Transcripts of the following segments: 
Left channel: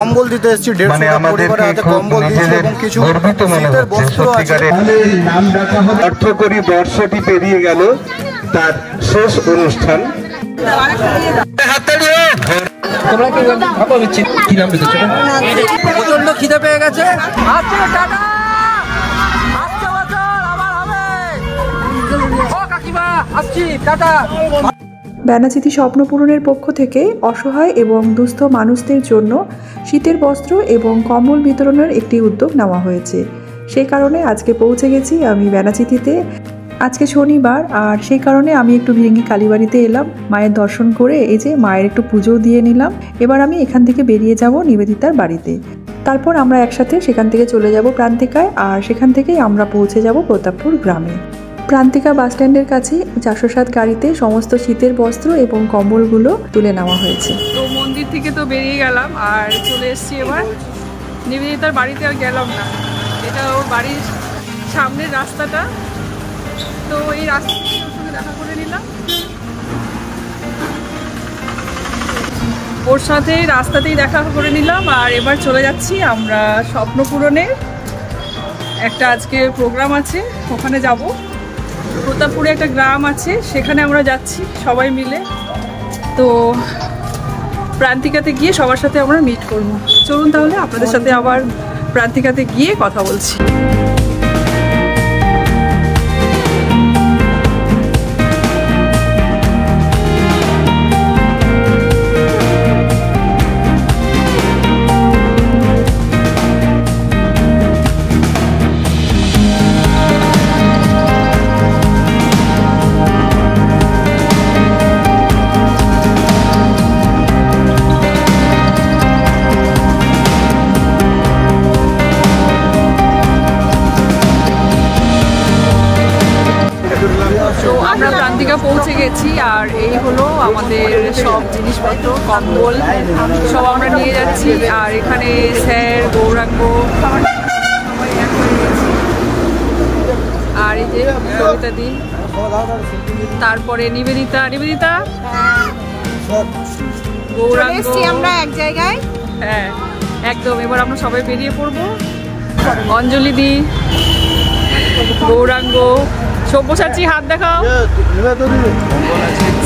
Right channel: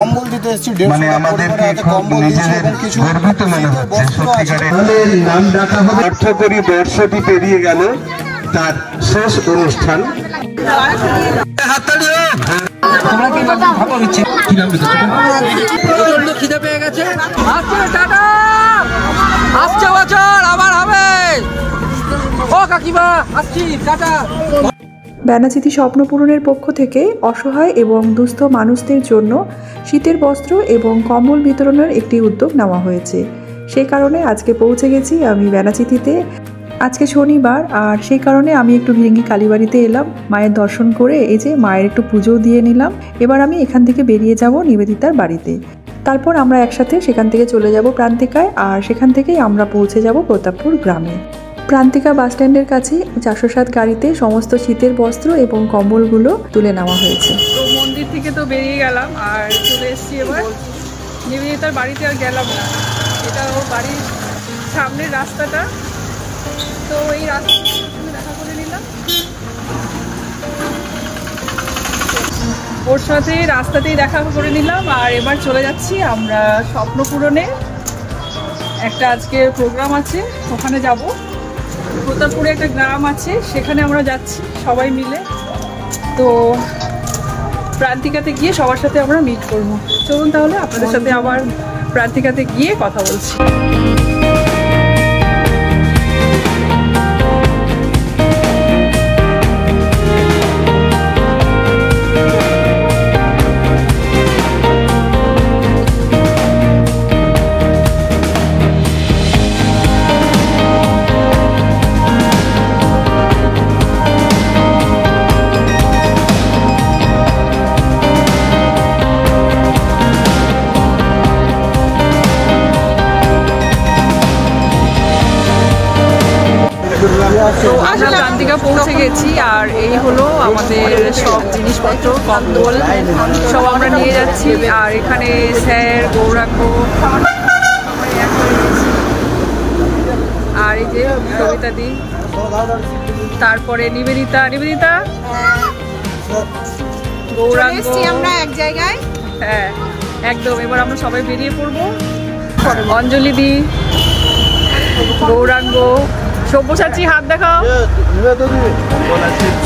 কম্বল দিতে এসেছি, মানে আমাদেরকে খুব নিজেদের গর্বিত মনে হচ্ছে সত্যিকারের। নাম ডাকা হবে অর্থকরী বর্ষটি পেরিয়ে গেল তার শেষ অনুষ্ঠান। তোমরা কি ভাবা হচ্ছে কি নাম লিখেছো? প্রচন্ড খিদে পেয়ে গেছে। আসছে বছর আবার হবে। ও কাকিমা আসছি, টাটা। ব্যানাচিতি স্বপ্ন পূরণের পক্ষ থেকে অসহায় এবং দুস্থ মানুষদের জন্য শীতের বস্ত্র এবং কম্বল বিতরণের একটি উদ্যোগ নেওয়া হয়েছে। সেই কারণে আজকে পৌঁছে গেছি আমি ব্যানাচিতিতে। আজকে শনিবার, আর সেই কারণে আমি একটু ভিরিঙ্গি কালীবাড়িতে এলাম মায়ের দর্শন করে। এই যে মায়ের একটু পুজোও দিয়ে নিলাম। এবার আমি এখান থেকে বেরিয়ে যাব নিবেদিতার বাড়িতে। তারপর আমরা একসাথে সেখান থেকে চলে যাব প্রান্তিকায়, আর সেখান থেকেই আমরা পৌঁছে যাব প্রতাপপুর গ্রামে। প্রান্তিকা বাসস্ট্যান্ডের কাছে 407 গাড়িতে সমস্ত শীতের বস্ত্র এবং কম্বলগুলো তুলে নেওয়া হয়েছে। তো মন্দির থেকে তো বেরিয়ে গেলাম আর চলে এসেছি এবার নিবেদিতার বাড়িতে। আর গেলাম না, এটা ওর বাড়ির সামনের রাস্তাটা, তো এই রাস্তা দেখা করে নিলাম। ওর সাথে রাস্তাতেই দেখা করে নিলাম। আর এবার চলে যাচ্ছি আমরা স্বপ্ন পূরণে। একটা আজকে প্রোগ্রাম আছে, ওখানে যাব। প্রতাপপুরে একটা গ্রাম আছে, সেখানে আমরা যাচ্ছি সবাই মিলে। তো প্রান্তিকাতে গিয়ে সবার সাথে আমরা মিট করবো। চলুন তাহলে আপনাদের সাথে আবার প্রান্তিকাতে গিয়ে কথা বলছি। তো আমরা প্রান্তিকা পৌঁছে গেছি, আর এই হলো আমাদের সব জিনিসপত্র, কম্বল সব আমরা নিয়ে যাচ্ছি। আর এখানে স্যার, গৌরাঙ্গ সবাই এক হয়ে গেছি। আর এই যে কবিতা দি, তারপরে নিবেদিতা, গৌরাঙ্গ, আমরা এক জায়গায়। হ্যাঁ একদম। এবার আমরা সবাই বেরিয়ে পড়বো। অঞ্জলি দি, গৌরাঙ্গ, সব্যসাচী, হাত দেখাও।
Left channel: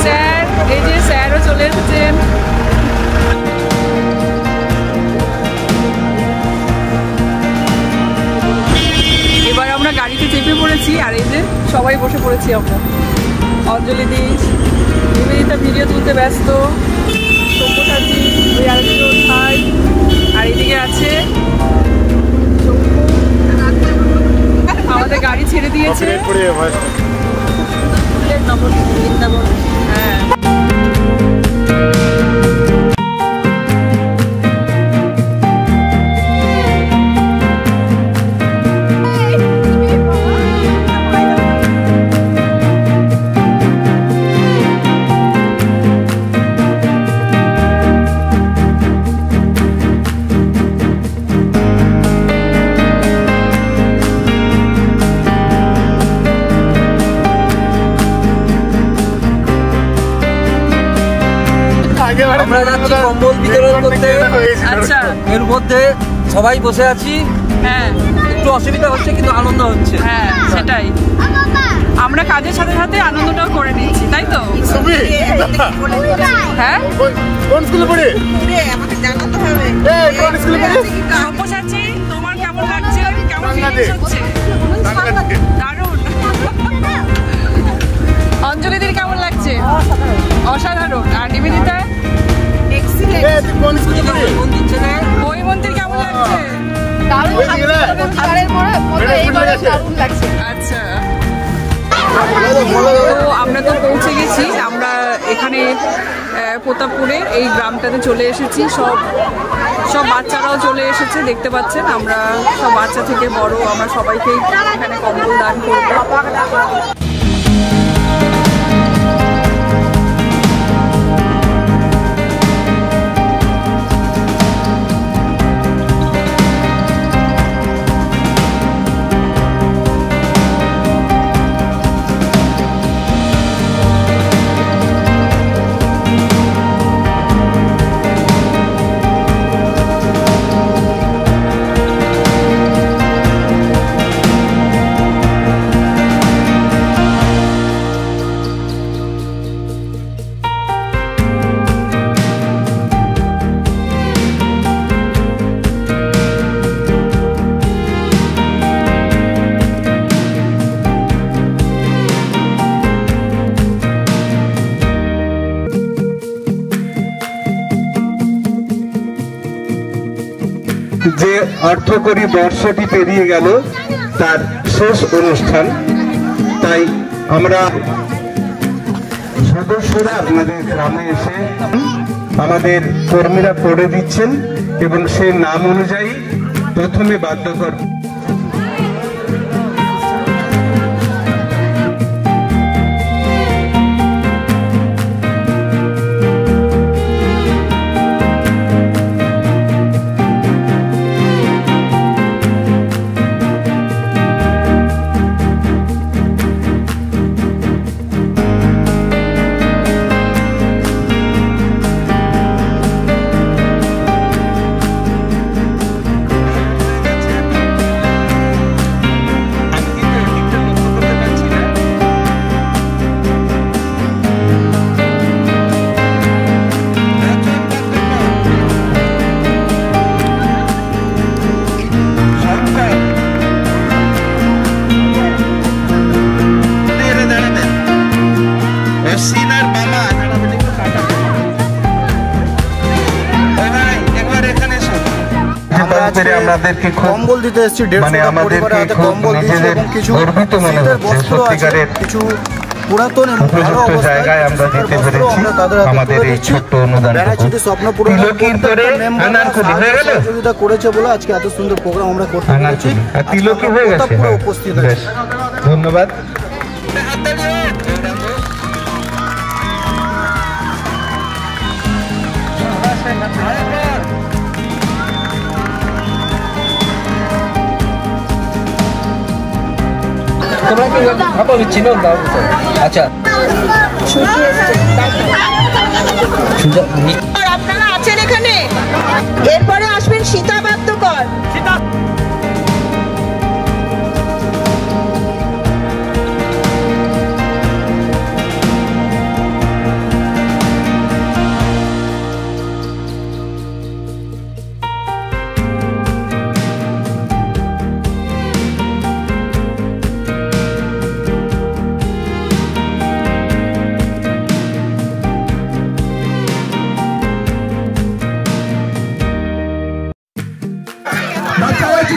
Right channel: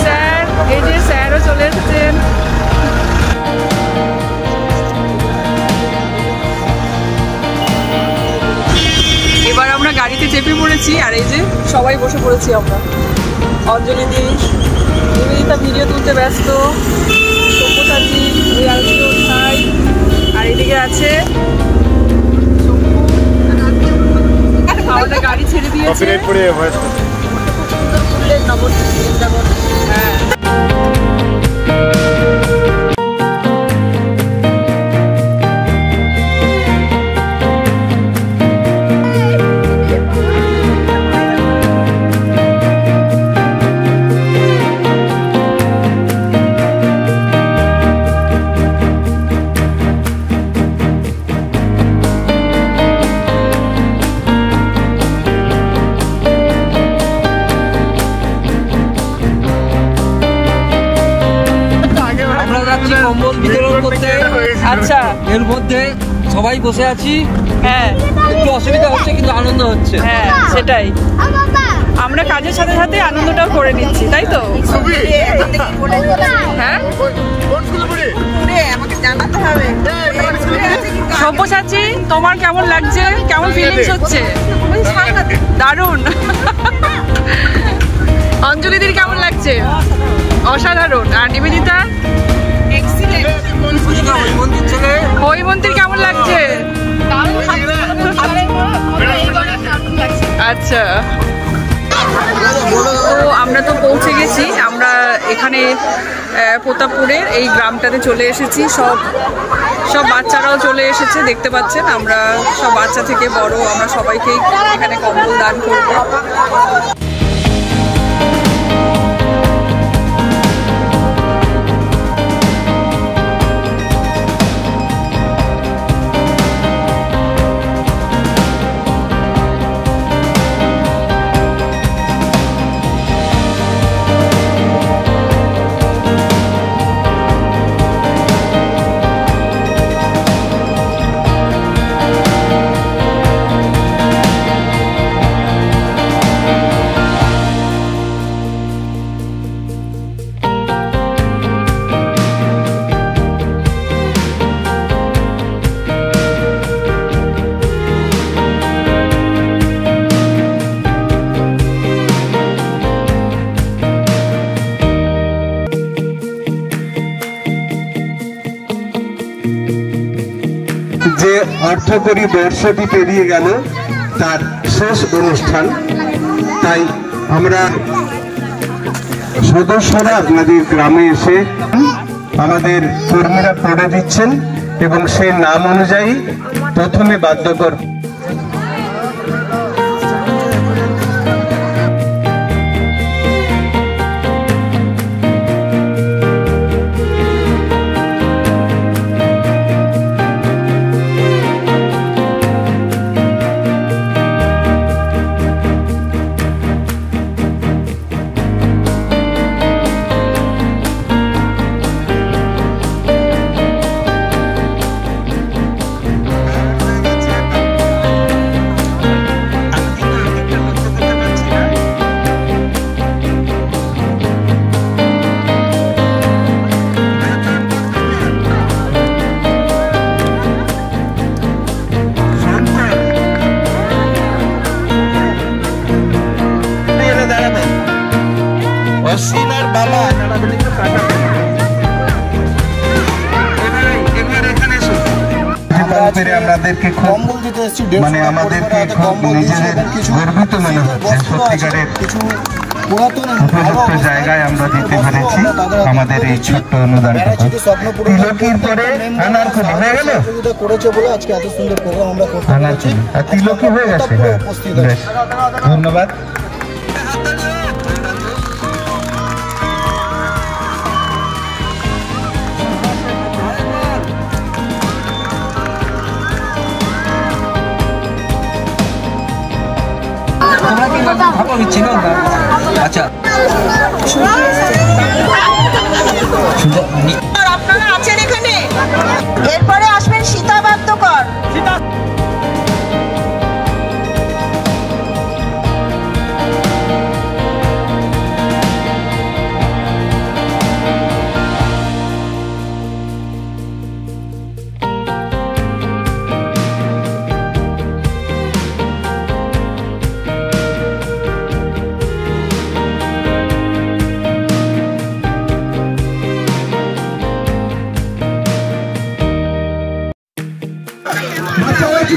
স্যার, এই যে স্যারও চলে এসেছেন। এবার আমরা গাড়িতে চেপে পড়েছি, আর এই যে সবাই বসে পড়েছি আমরা। অঞ্জলি দি, নিবেদিতা ভিডিও তুলতে ব্যস্ত, সব্যসাচী, ওই আরেকজন ভাই, আর এদিকে আছে আমাদের গাড়ি ছেড়ে দিয়েছে। হ্যাঁ আচ্ছা, এর মধ্যে সবাই বসে আছি। হ্যাঁ একটু অসুবিধা হচ্ছে কিন্তু আনন্দ হচ্ছে। হ্যাঁ সেটাই, আমরা কাজের সাথে সাথে আনন্দটাও করে নিচ্ছি, তাই তো? হ্যাঁ সব্যসাচী, তোমার কেমন লাগছে? কেমন ফিলিংস হচ্ছে? দারুণ। অঞ্জলিদির কেমন লাগছে? অসাধারণ। আর নিবেদিতা? হৈমন্তীর কেমন লাগছে? আচ্ছা, তো আমরা তো পৌঁছে গেছি। আমরা এখানে প্রতাপপুরের এই গ্রামটাতে চলে এসেছি। সব বাচ্চারাও চলে এসেছে, দেখতে পাচ্ছেন। আমরা সব বাচ্চা থেকে বড় আমরা সবাইকেই এখানে কম্বল দান করবো। যে অর্থকরী বর্ষটি পেরিয়ে গেল তার শেষ অনুষ্ঠান, তাই আমরা সদস্যরা আপনাদের গ্রামে এসে আমাদের কর্মীরা পড়ে দিচ্ছেন এবং সেই নাম অনুযায়ী প্রথমে বাদ্যকর আমাদেরকে কম্বল দিতে এসেছি, মানে আমাদেরকে খুব নিজেদের গর্বিত মনে হচ্ছে। সত্যিকারের কিছু পুরাতন জায়গায় আমরা দিতে পেরেছি আমাদের এই ছোট্ট অনুদানটুকু। তিলকির পরে আনারকলি হয়ে গেল, করেছে বলে আজকে এত সুন্দর প্রোগ্রাম আমরা করতে পেরেছি। আর তিলকি হয়ে গেছে, বেশ ধন্যবাদ। তোমরা কি ভাবো চিনো না? আচ্ছা আপনারা আছেন এখানে, এরপরে আসবেন সীতা বাদ্যকর।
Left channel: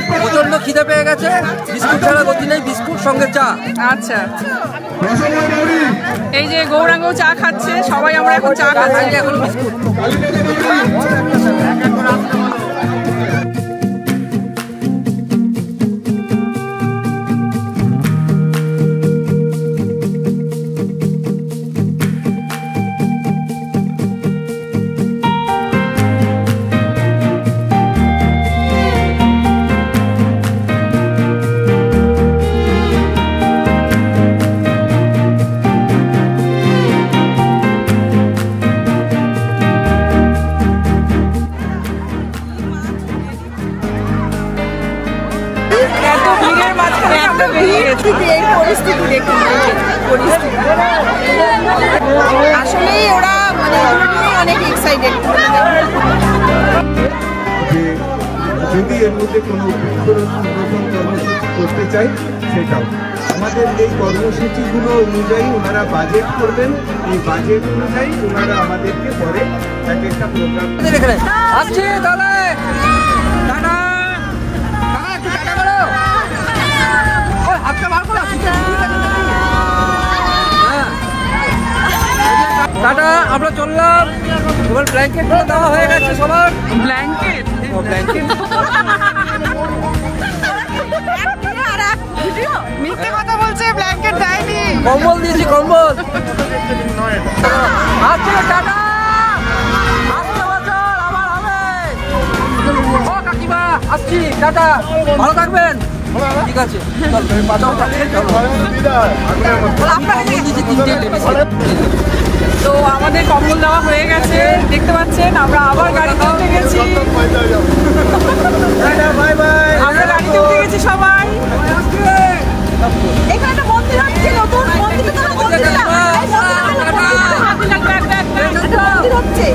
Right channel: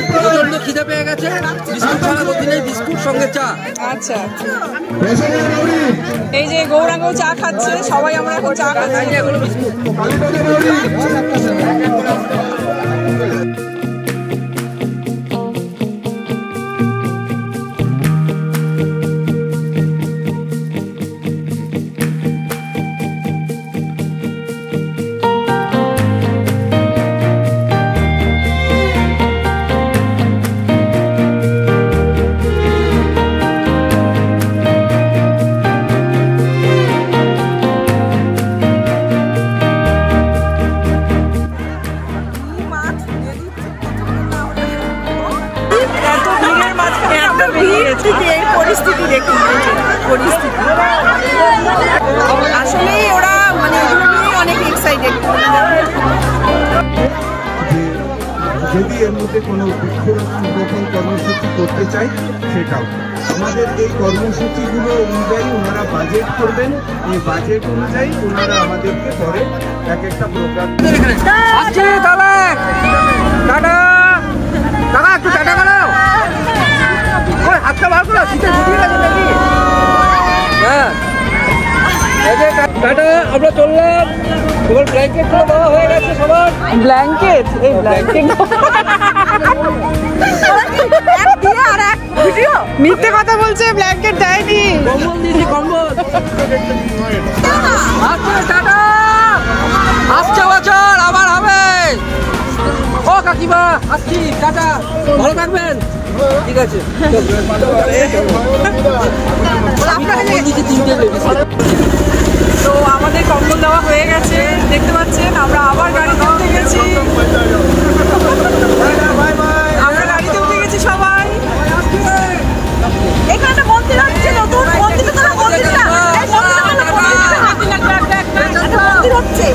প্রচন্ড খিদে পেয়ে গেছে, বিস্কুট ছাড়া তো দিলেই বিস্কুট সঙ্গে চা। আচ্ছা, এই যে গৌরাঙ্গ চা খাচ্ছে, সবাই আমরা এখন চা খাচ্ছি। এখন বিস্কুট এই পরিস্থিতি দেখুন, পরিস্থিতি আসলেই ওরা মানে অনেক এক্সাইটেড। যদি এর মধ্যে কোনো বৃক্ষরোপণ কর্মসূচি করতে চাই, সেটাও আমাদের এই কর্মসূচিগুলো অনুযায়ী ওনারা বাজেট করবেন, এই বাজেট অনুযায়ী ওনারা আমাদেরকে পরে এক একটা প্রোগ্রাম আসছি। তাহলে টাটা টাকা, একটু টাটা করো, ওই হাতটা বার করো, শীতে ঢুকিয়ে গেছে নাকি? হ্যাঁ, এই যে টাটা, আমরা চললাম। এবার ব্ল্যাঙ্কেট গুলো দেওয়া হয়ে গেছে সবার। ব্ল্যাঙ্কেট, এই ব্ল্যাঙ্কেট মিথ্যে কথা বলছে, ব্ল্যাঙ্কেট দেয়নি। কম্বল দিয়েছি, কম্বল। আচ্ছা টাটা, আসছে বছর আবার হবে। ও কাকিমা আসছি, টাটা, ভালো থাকবেন। ঠিক আছে, তো আমাদের কম্বল দেওয়া হয়ে গেছে, দেখতে পাচ্ছেন। আমরা আবার গাড়িতে উঠে গেছি, আমরা গাড়িতে উঠে গেছি সবাই। এখানে একটা মন্দির হচ্ছে, নতুন মন্দির হচ্ছে,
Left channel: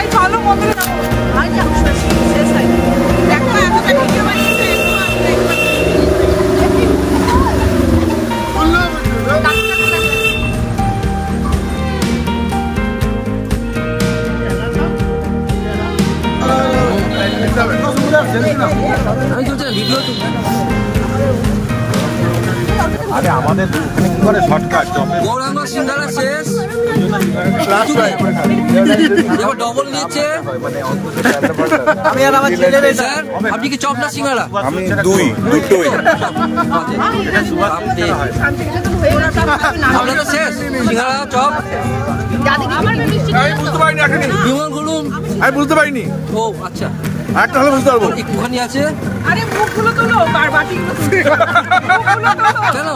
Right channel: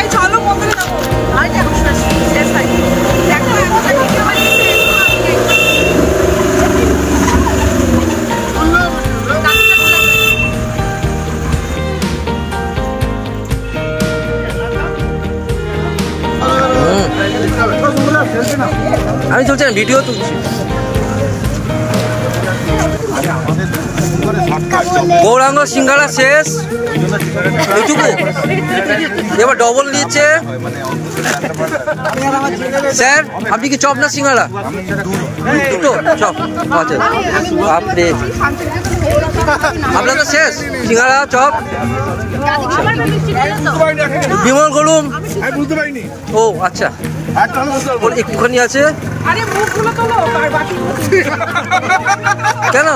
এই চলো মন্দিরে যাবো। আমি চলছি না, ভিডিও তুলছি। গৌরাঙ্গ সিঙ্গারা শেষ, এবার ডবল নিয়েছে। স্যার আপনি কি চপ না সিঙ্গারা? তো চপ। আচ্ছা আপনি আপনার তো শেষ সিঙ্গারা চপ। বিমল গরুম আমি বুঝতে পারিনি। ও আচ্ছা একটুখানি আছে। কেন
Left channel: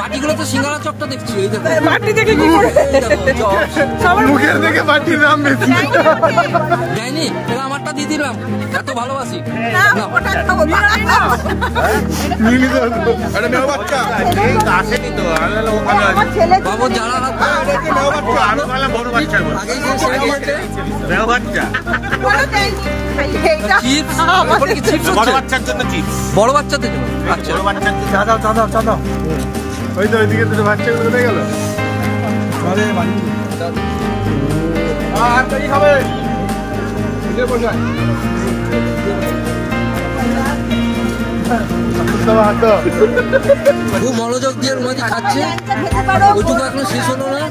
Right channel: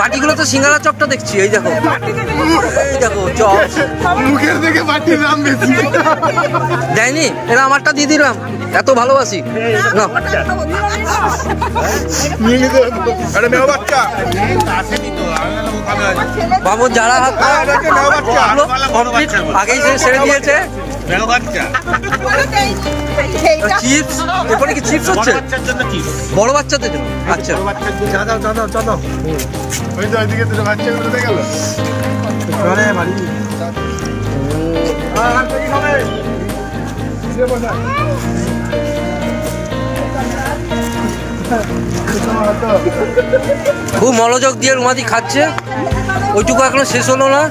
বাটিগুলো তো সিঙ্গারা চপটা দেখছি, এই দেখো এই দেখো চপ মুখের দিকে বাটির দাম বেশি দেয়নি, এরা আমারটা দিয়ে দিলাম, এত ভালোবাসি না। বাবু যারা হাত আগেই সেরে দিয়েছে। চিপস এখানে কি চিপস হচ্ছে? বড় বাচ্চাদের জন্য। আচ্ছা খুব মনোযোগ দিয়ে রুমাদি খাচ্ছে, ওইটুকু এখনো শেষ হলো না।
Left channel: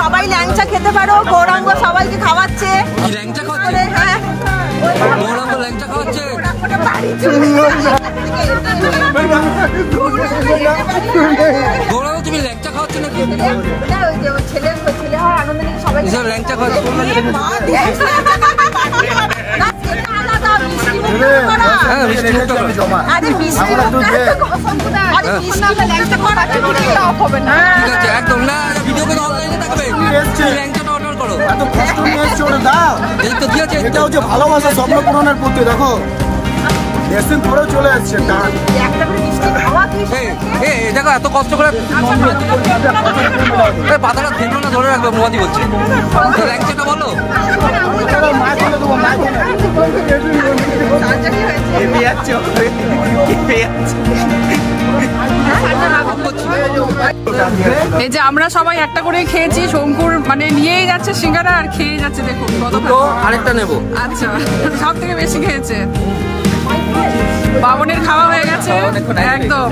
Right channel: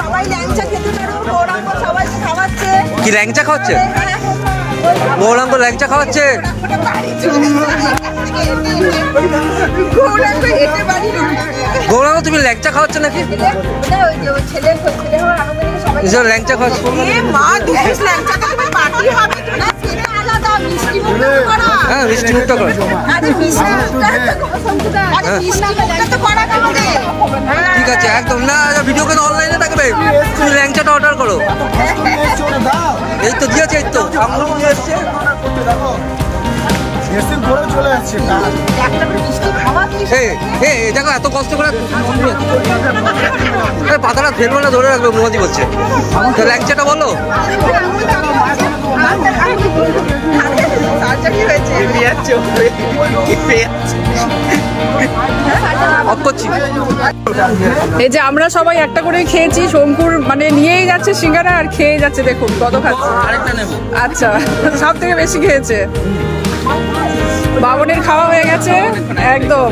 সবাই ল্যাংচা খেতে পারো, গৌরাঙ্গ সবাইকে খাওয়াচ্ছে। কি ল্যাংচা খাওয়াচ্ছে? গৌরাঙ্গ ল্যাংচা খাওয়াচ্ছে। গৌরাঙ্গ তুমি ল্যাংচা খাওয়াচ্ছ নাকি? ল্যাংচা খাওয়াচ্ছ? হ্যাঁ মিষ্টি মুখটা করো। ঠিক আছে একদম না, ভিডিও কিন্তু অনলাইনে থাকবে, তুমি ল্যাংচাটা অর্ডার করো। এই তো দিয়েছে, এই তো দেখো এত কষ্ট করে পাতাটা ধরবো না, ধরে রাখবে মোয়াদি বলছে। তো ল্যাংচাটা বলো। এই যে আমরা সবাই একটা করে খেয়েছি, শঙ্কুর মানে নিয়েই যাচ্ছে সিঙ্গারা আর খেয়ে যাচ্ছে, দেখুন কত খাচ্ছে। আরেকটা নেবো। আচ্ছা সব থেকে বেশি খেয়েছে। বাবনের খাওয়া হয়ে গেছে একদম।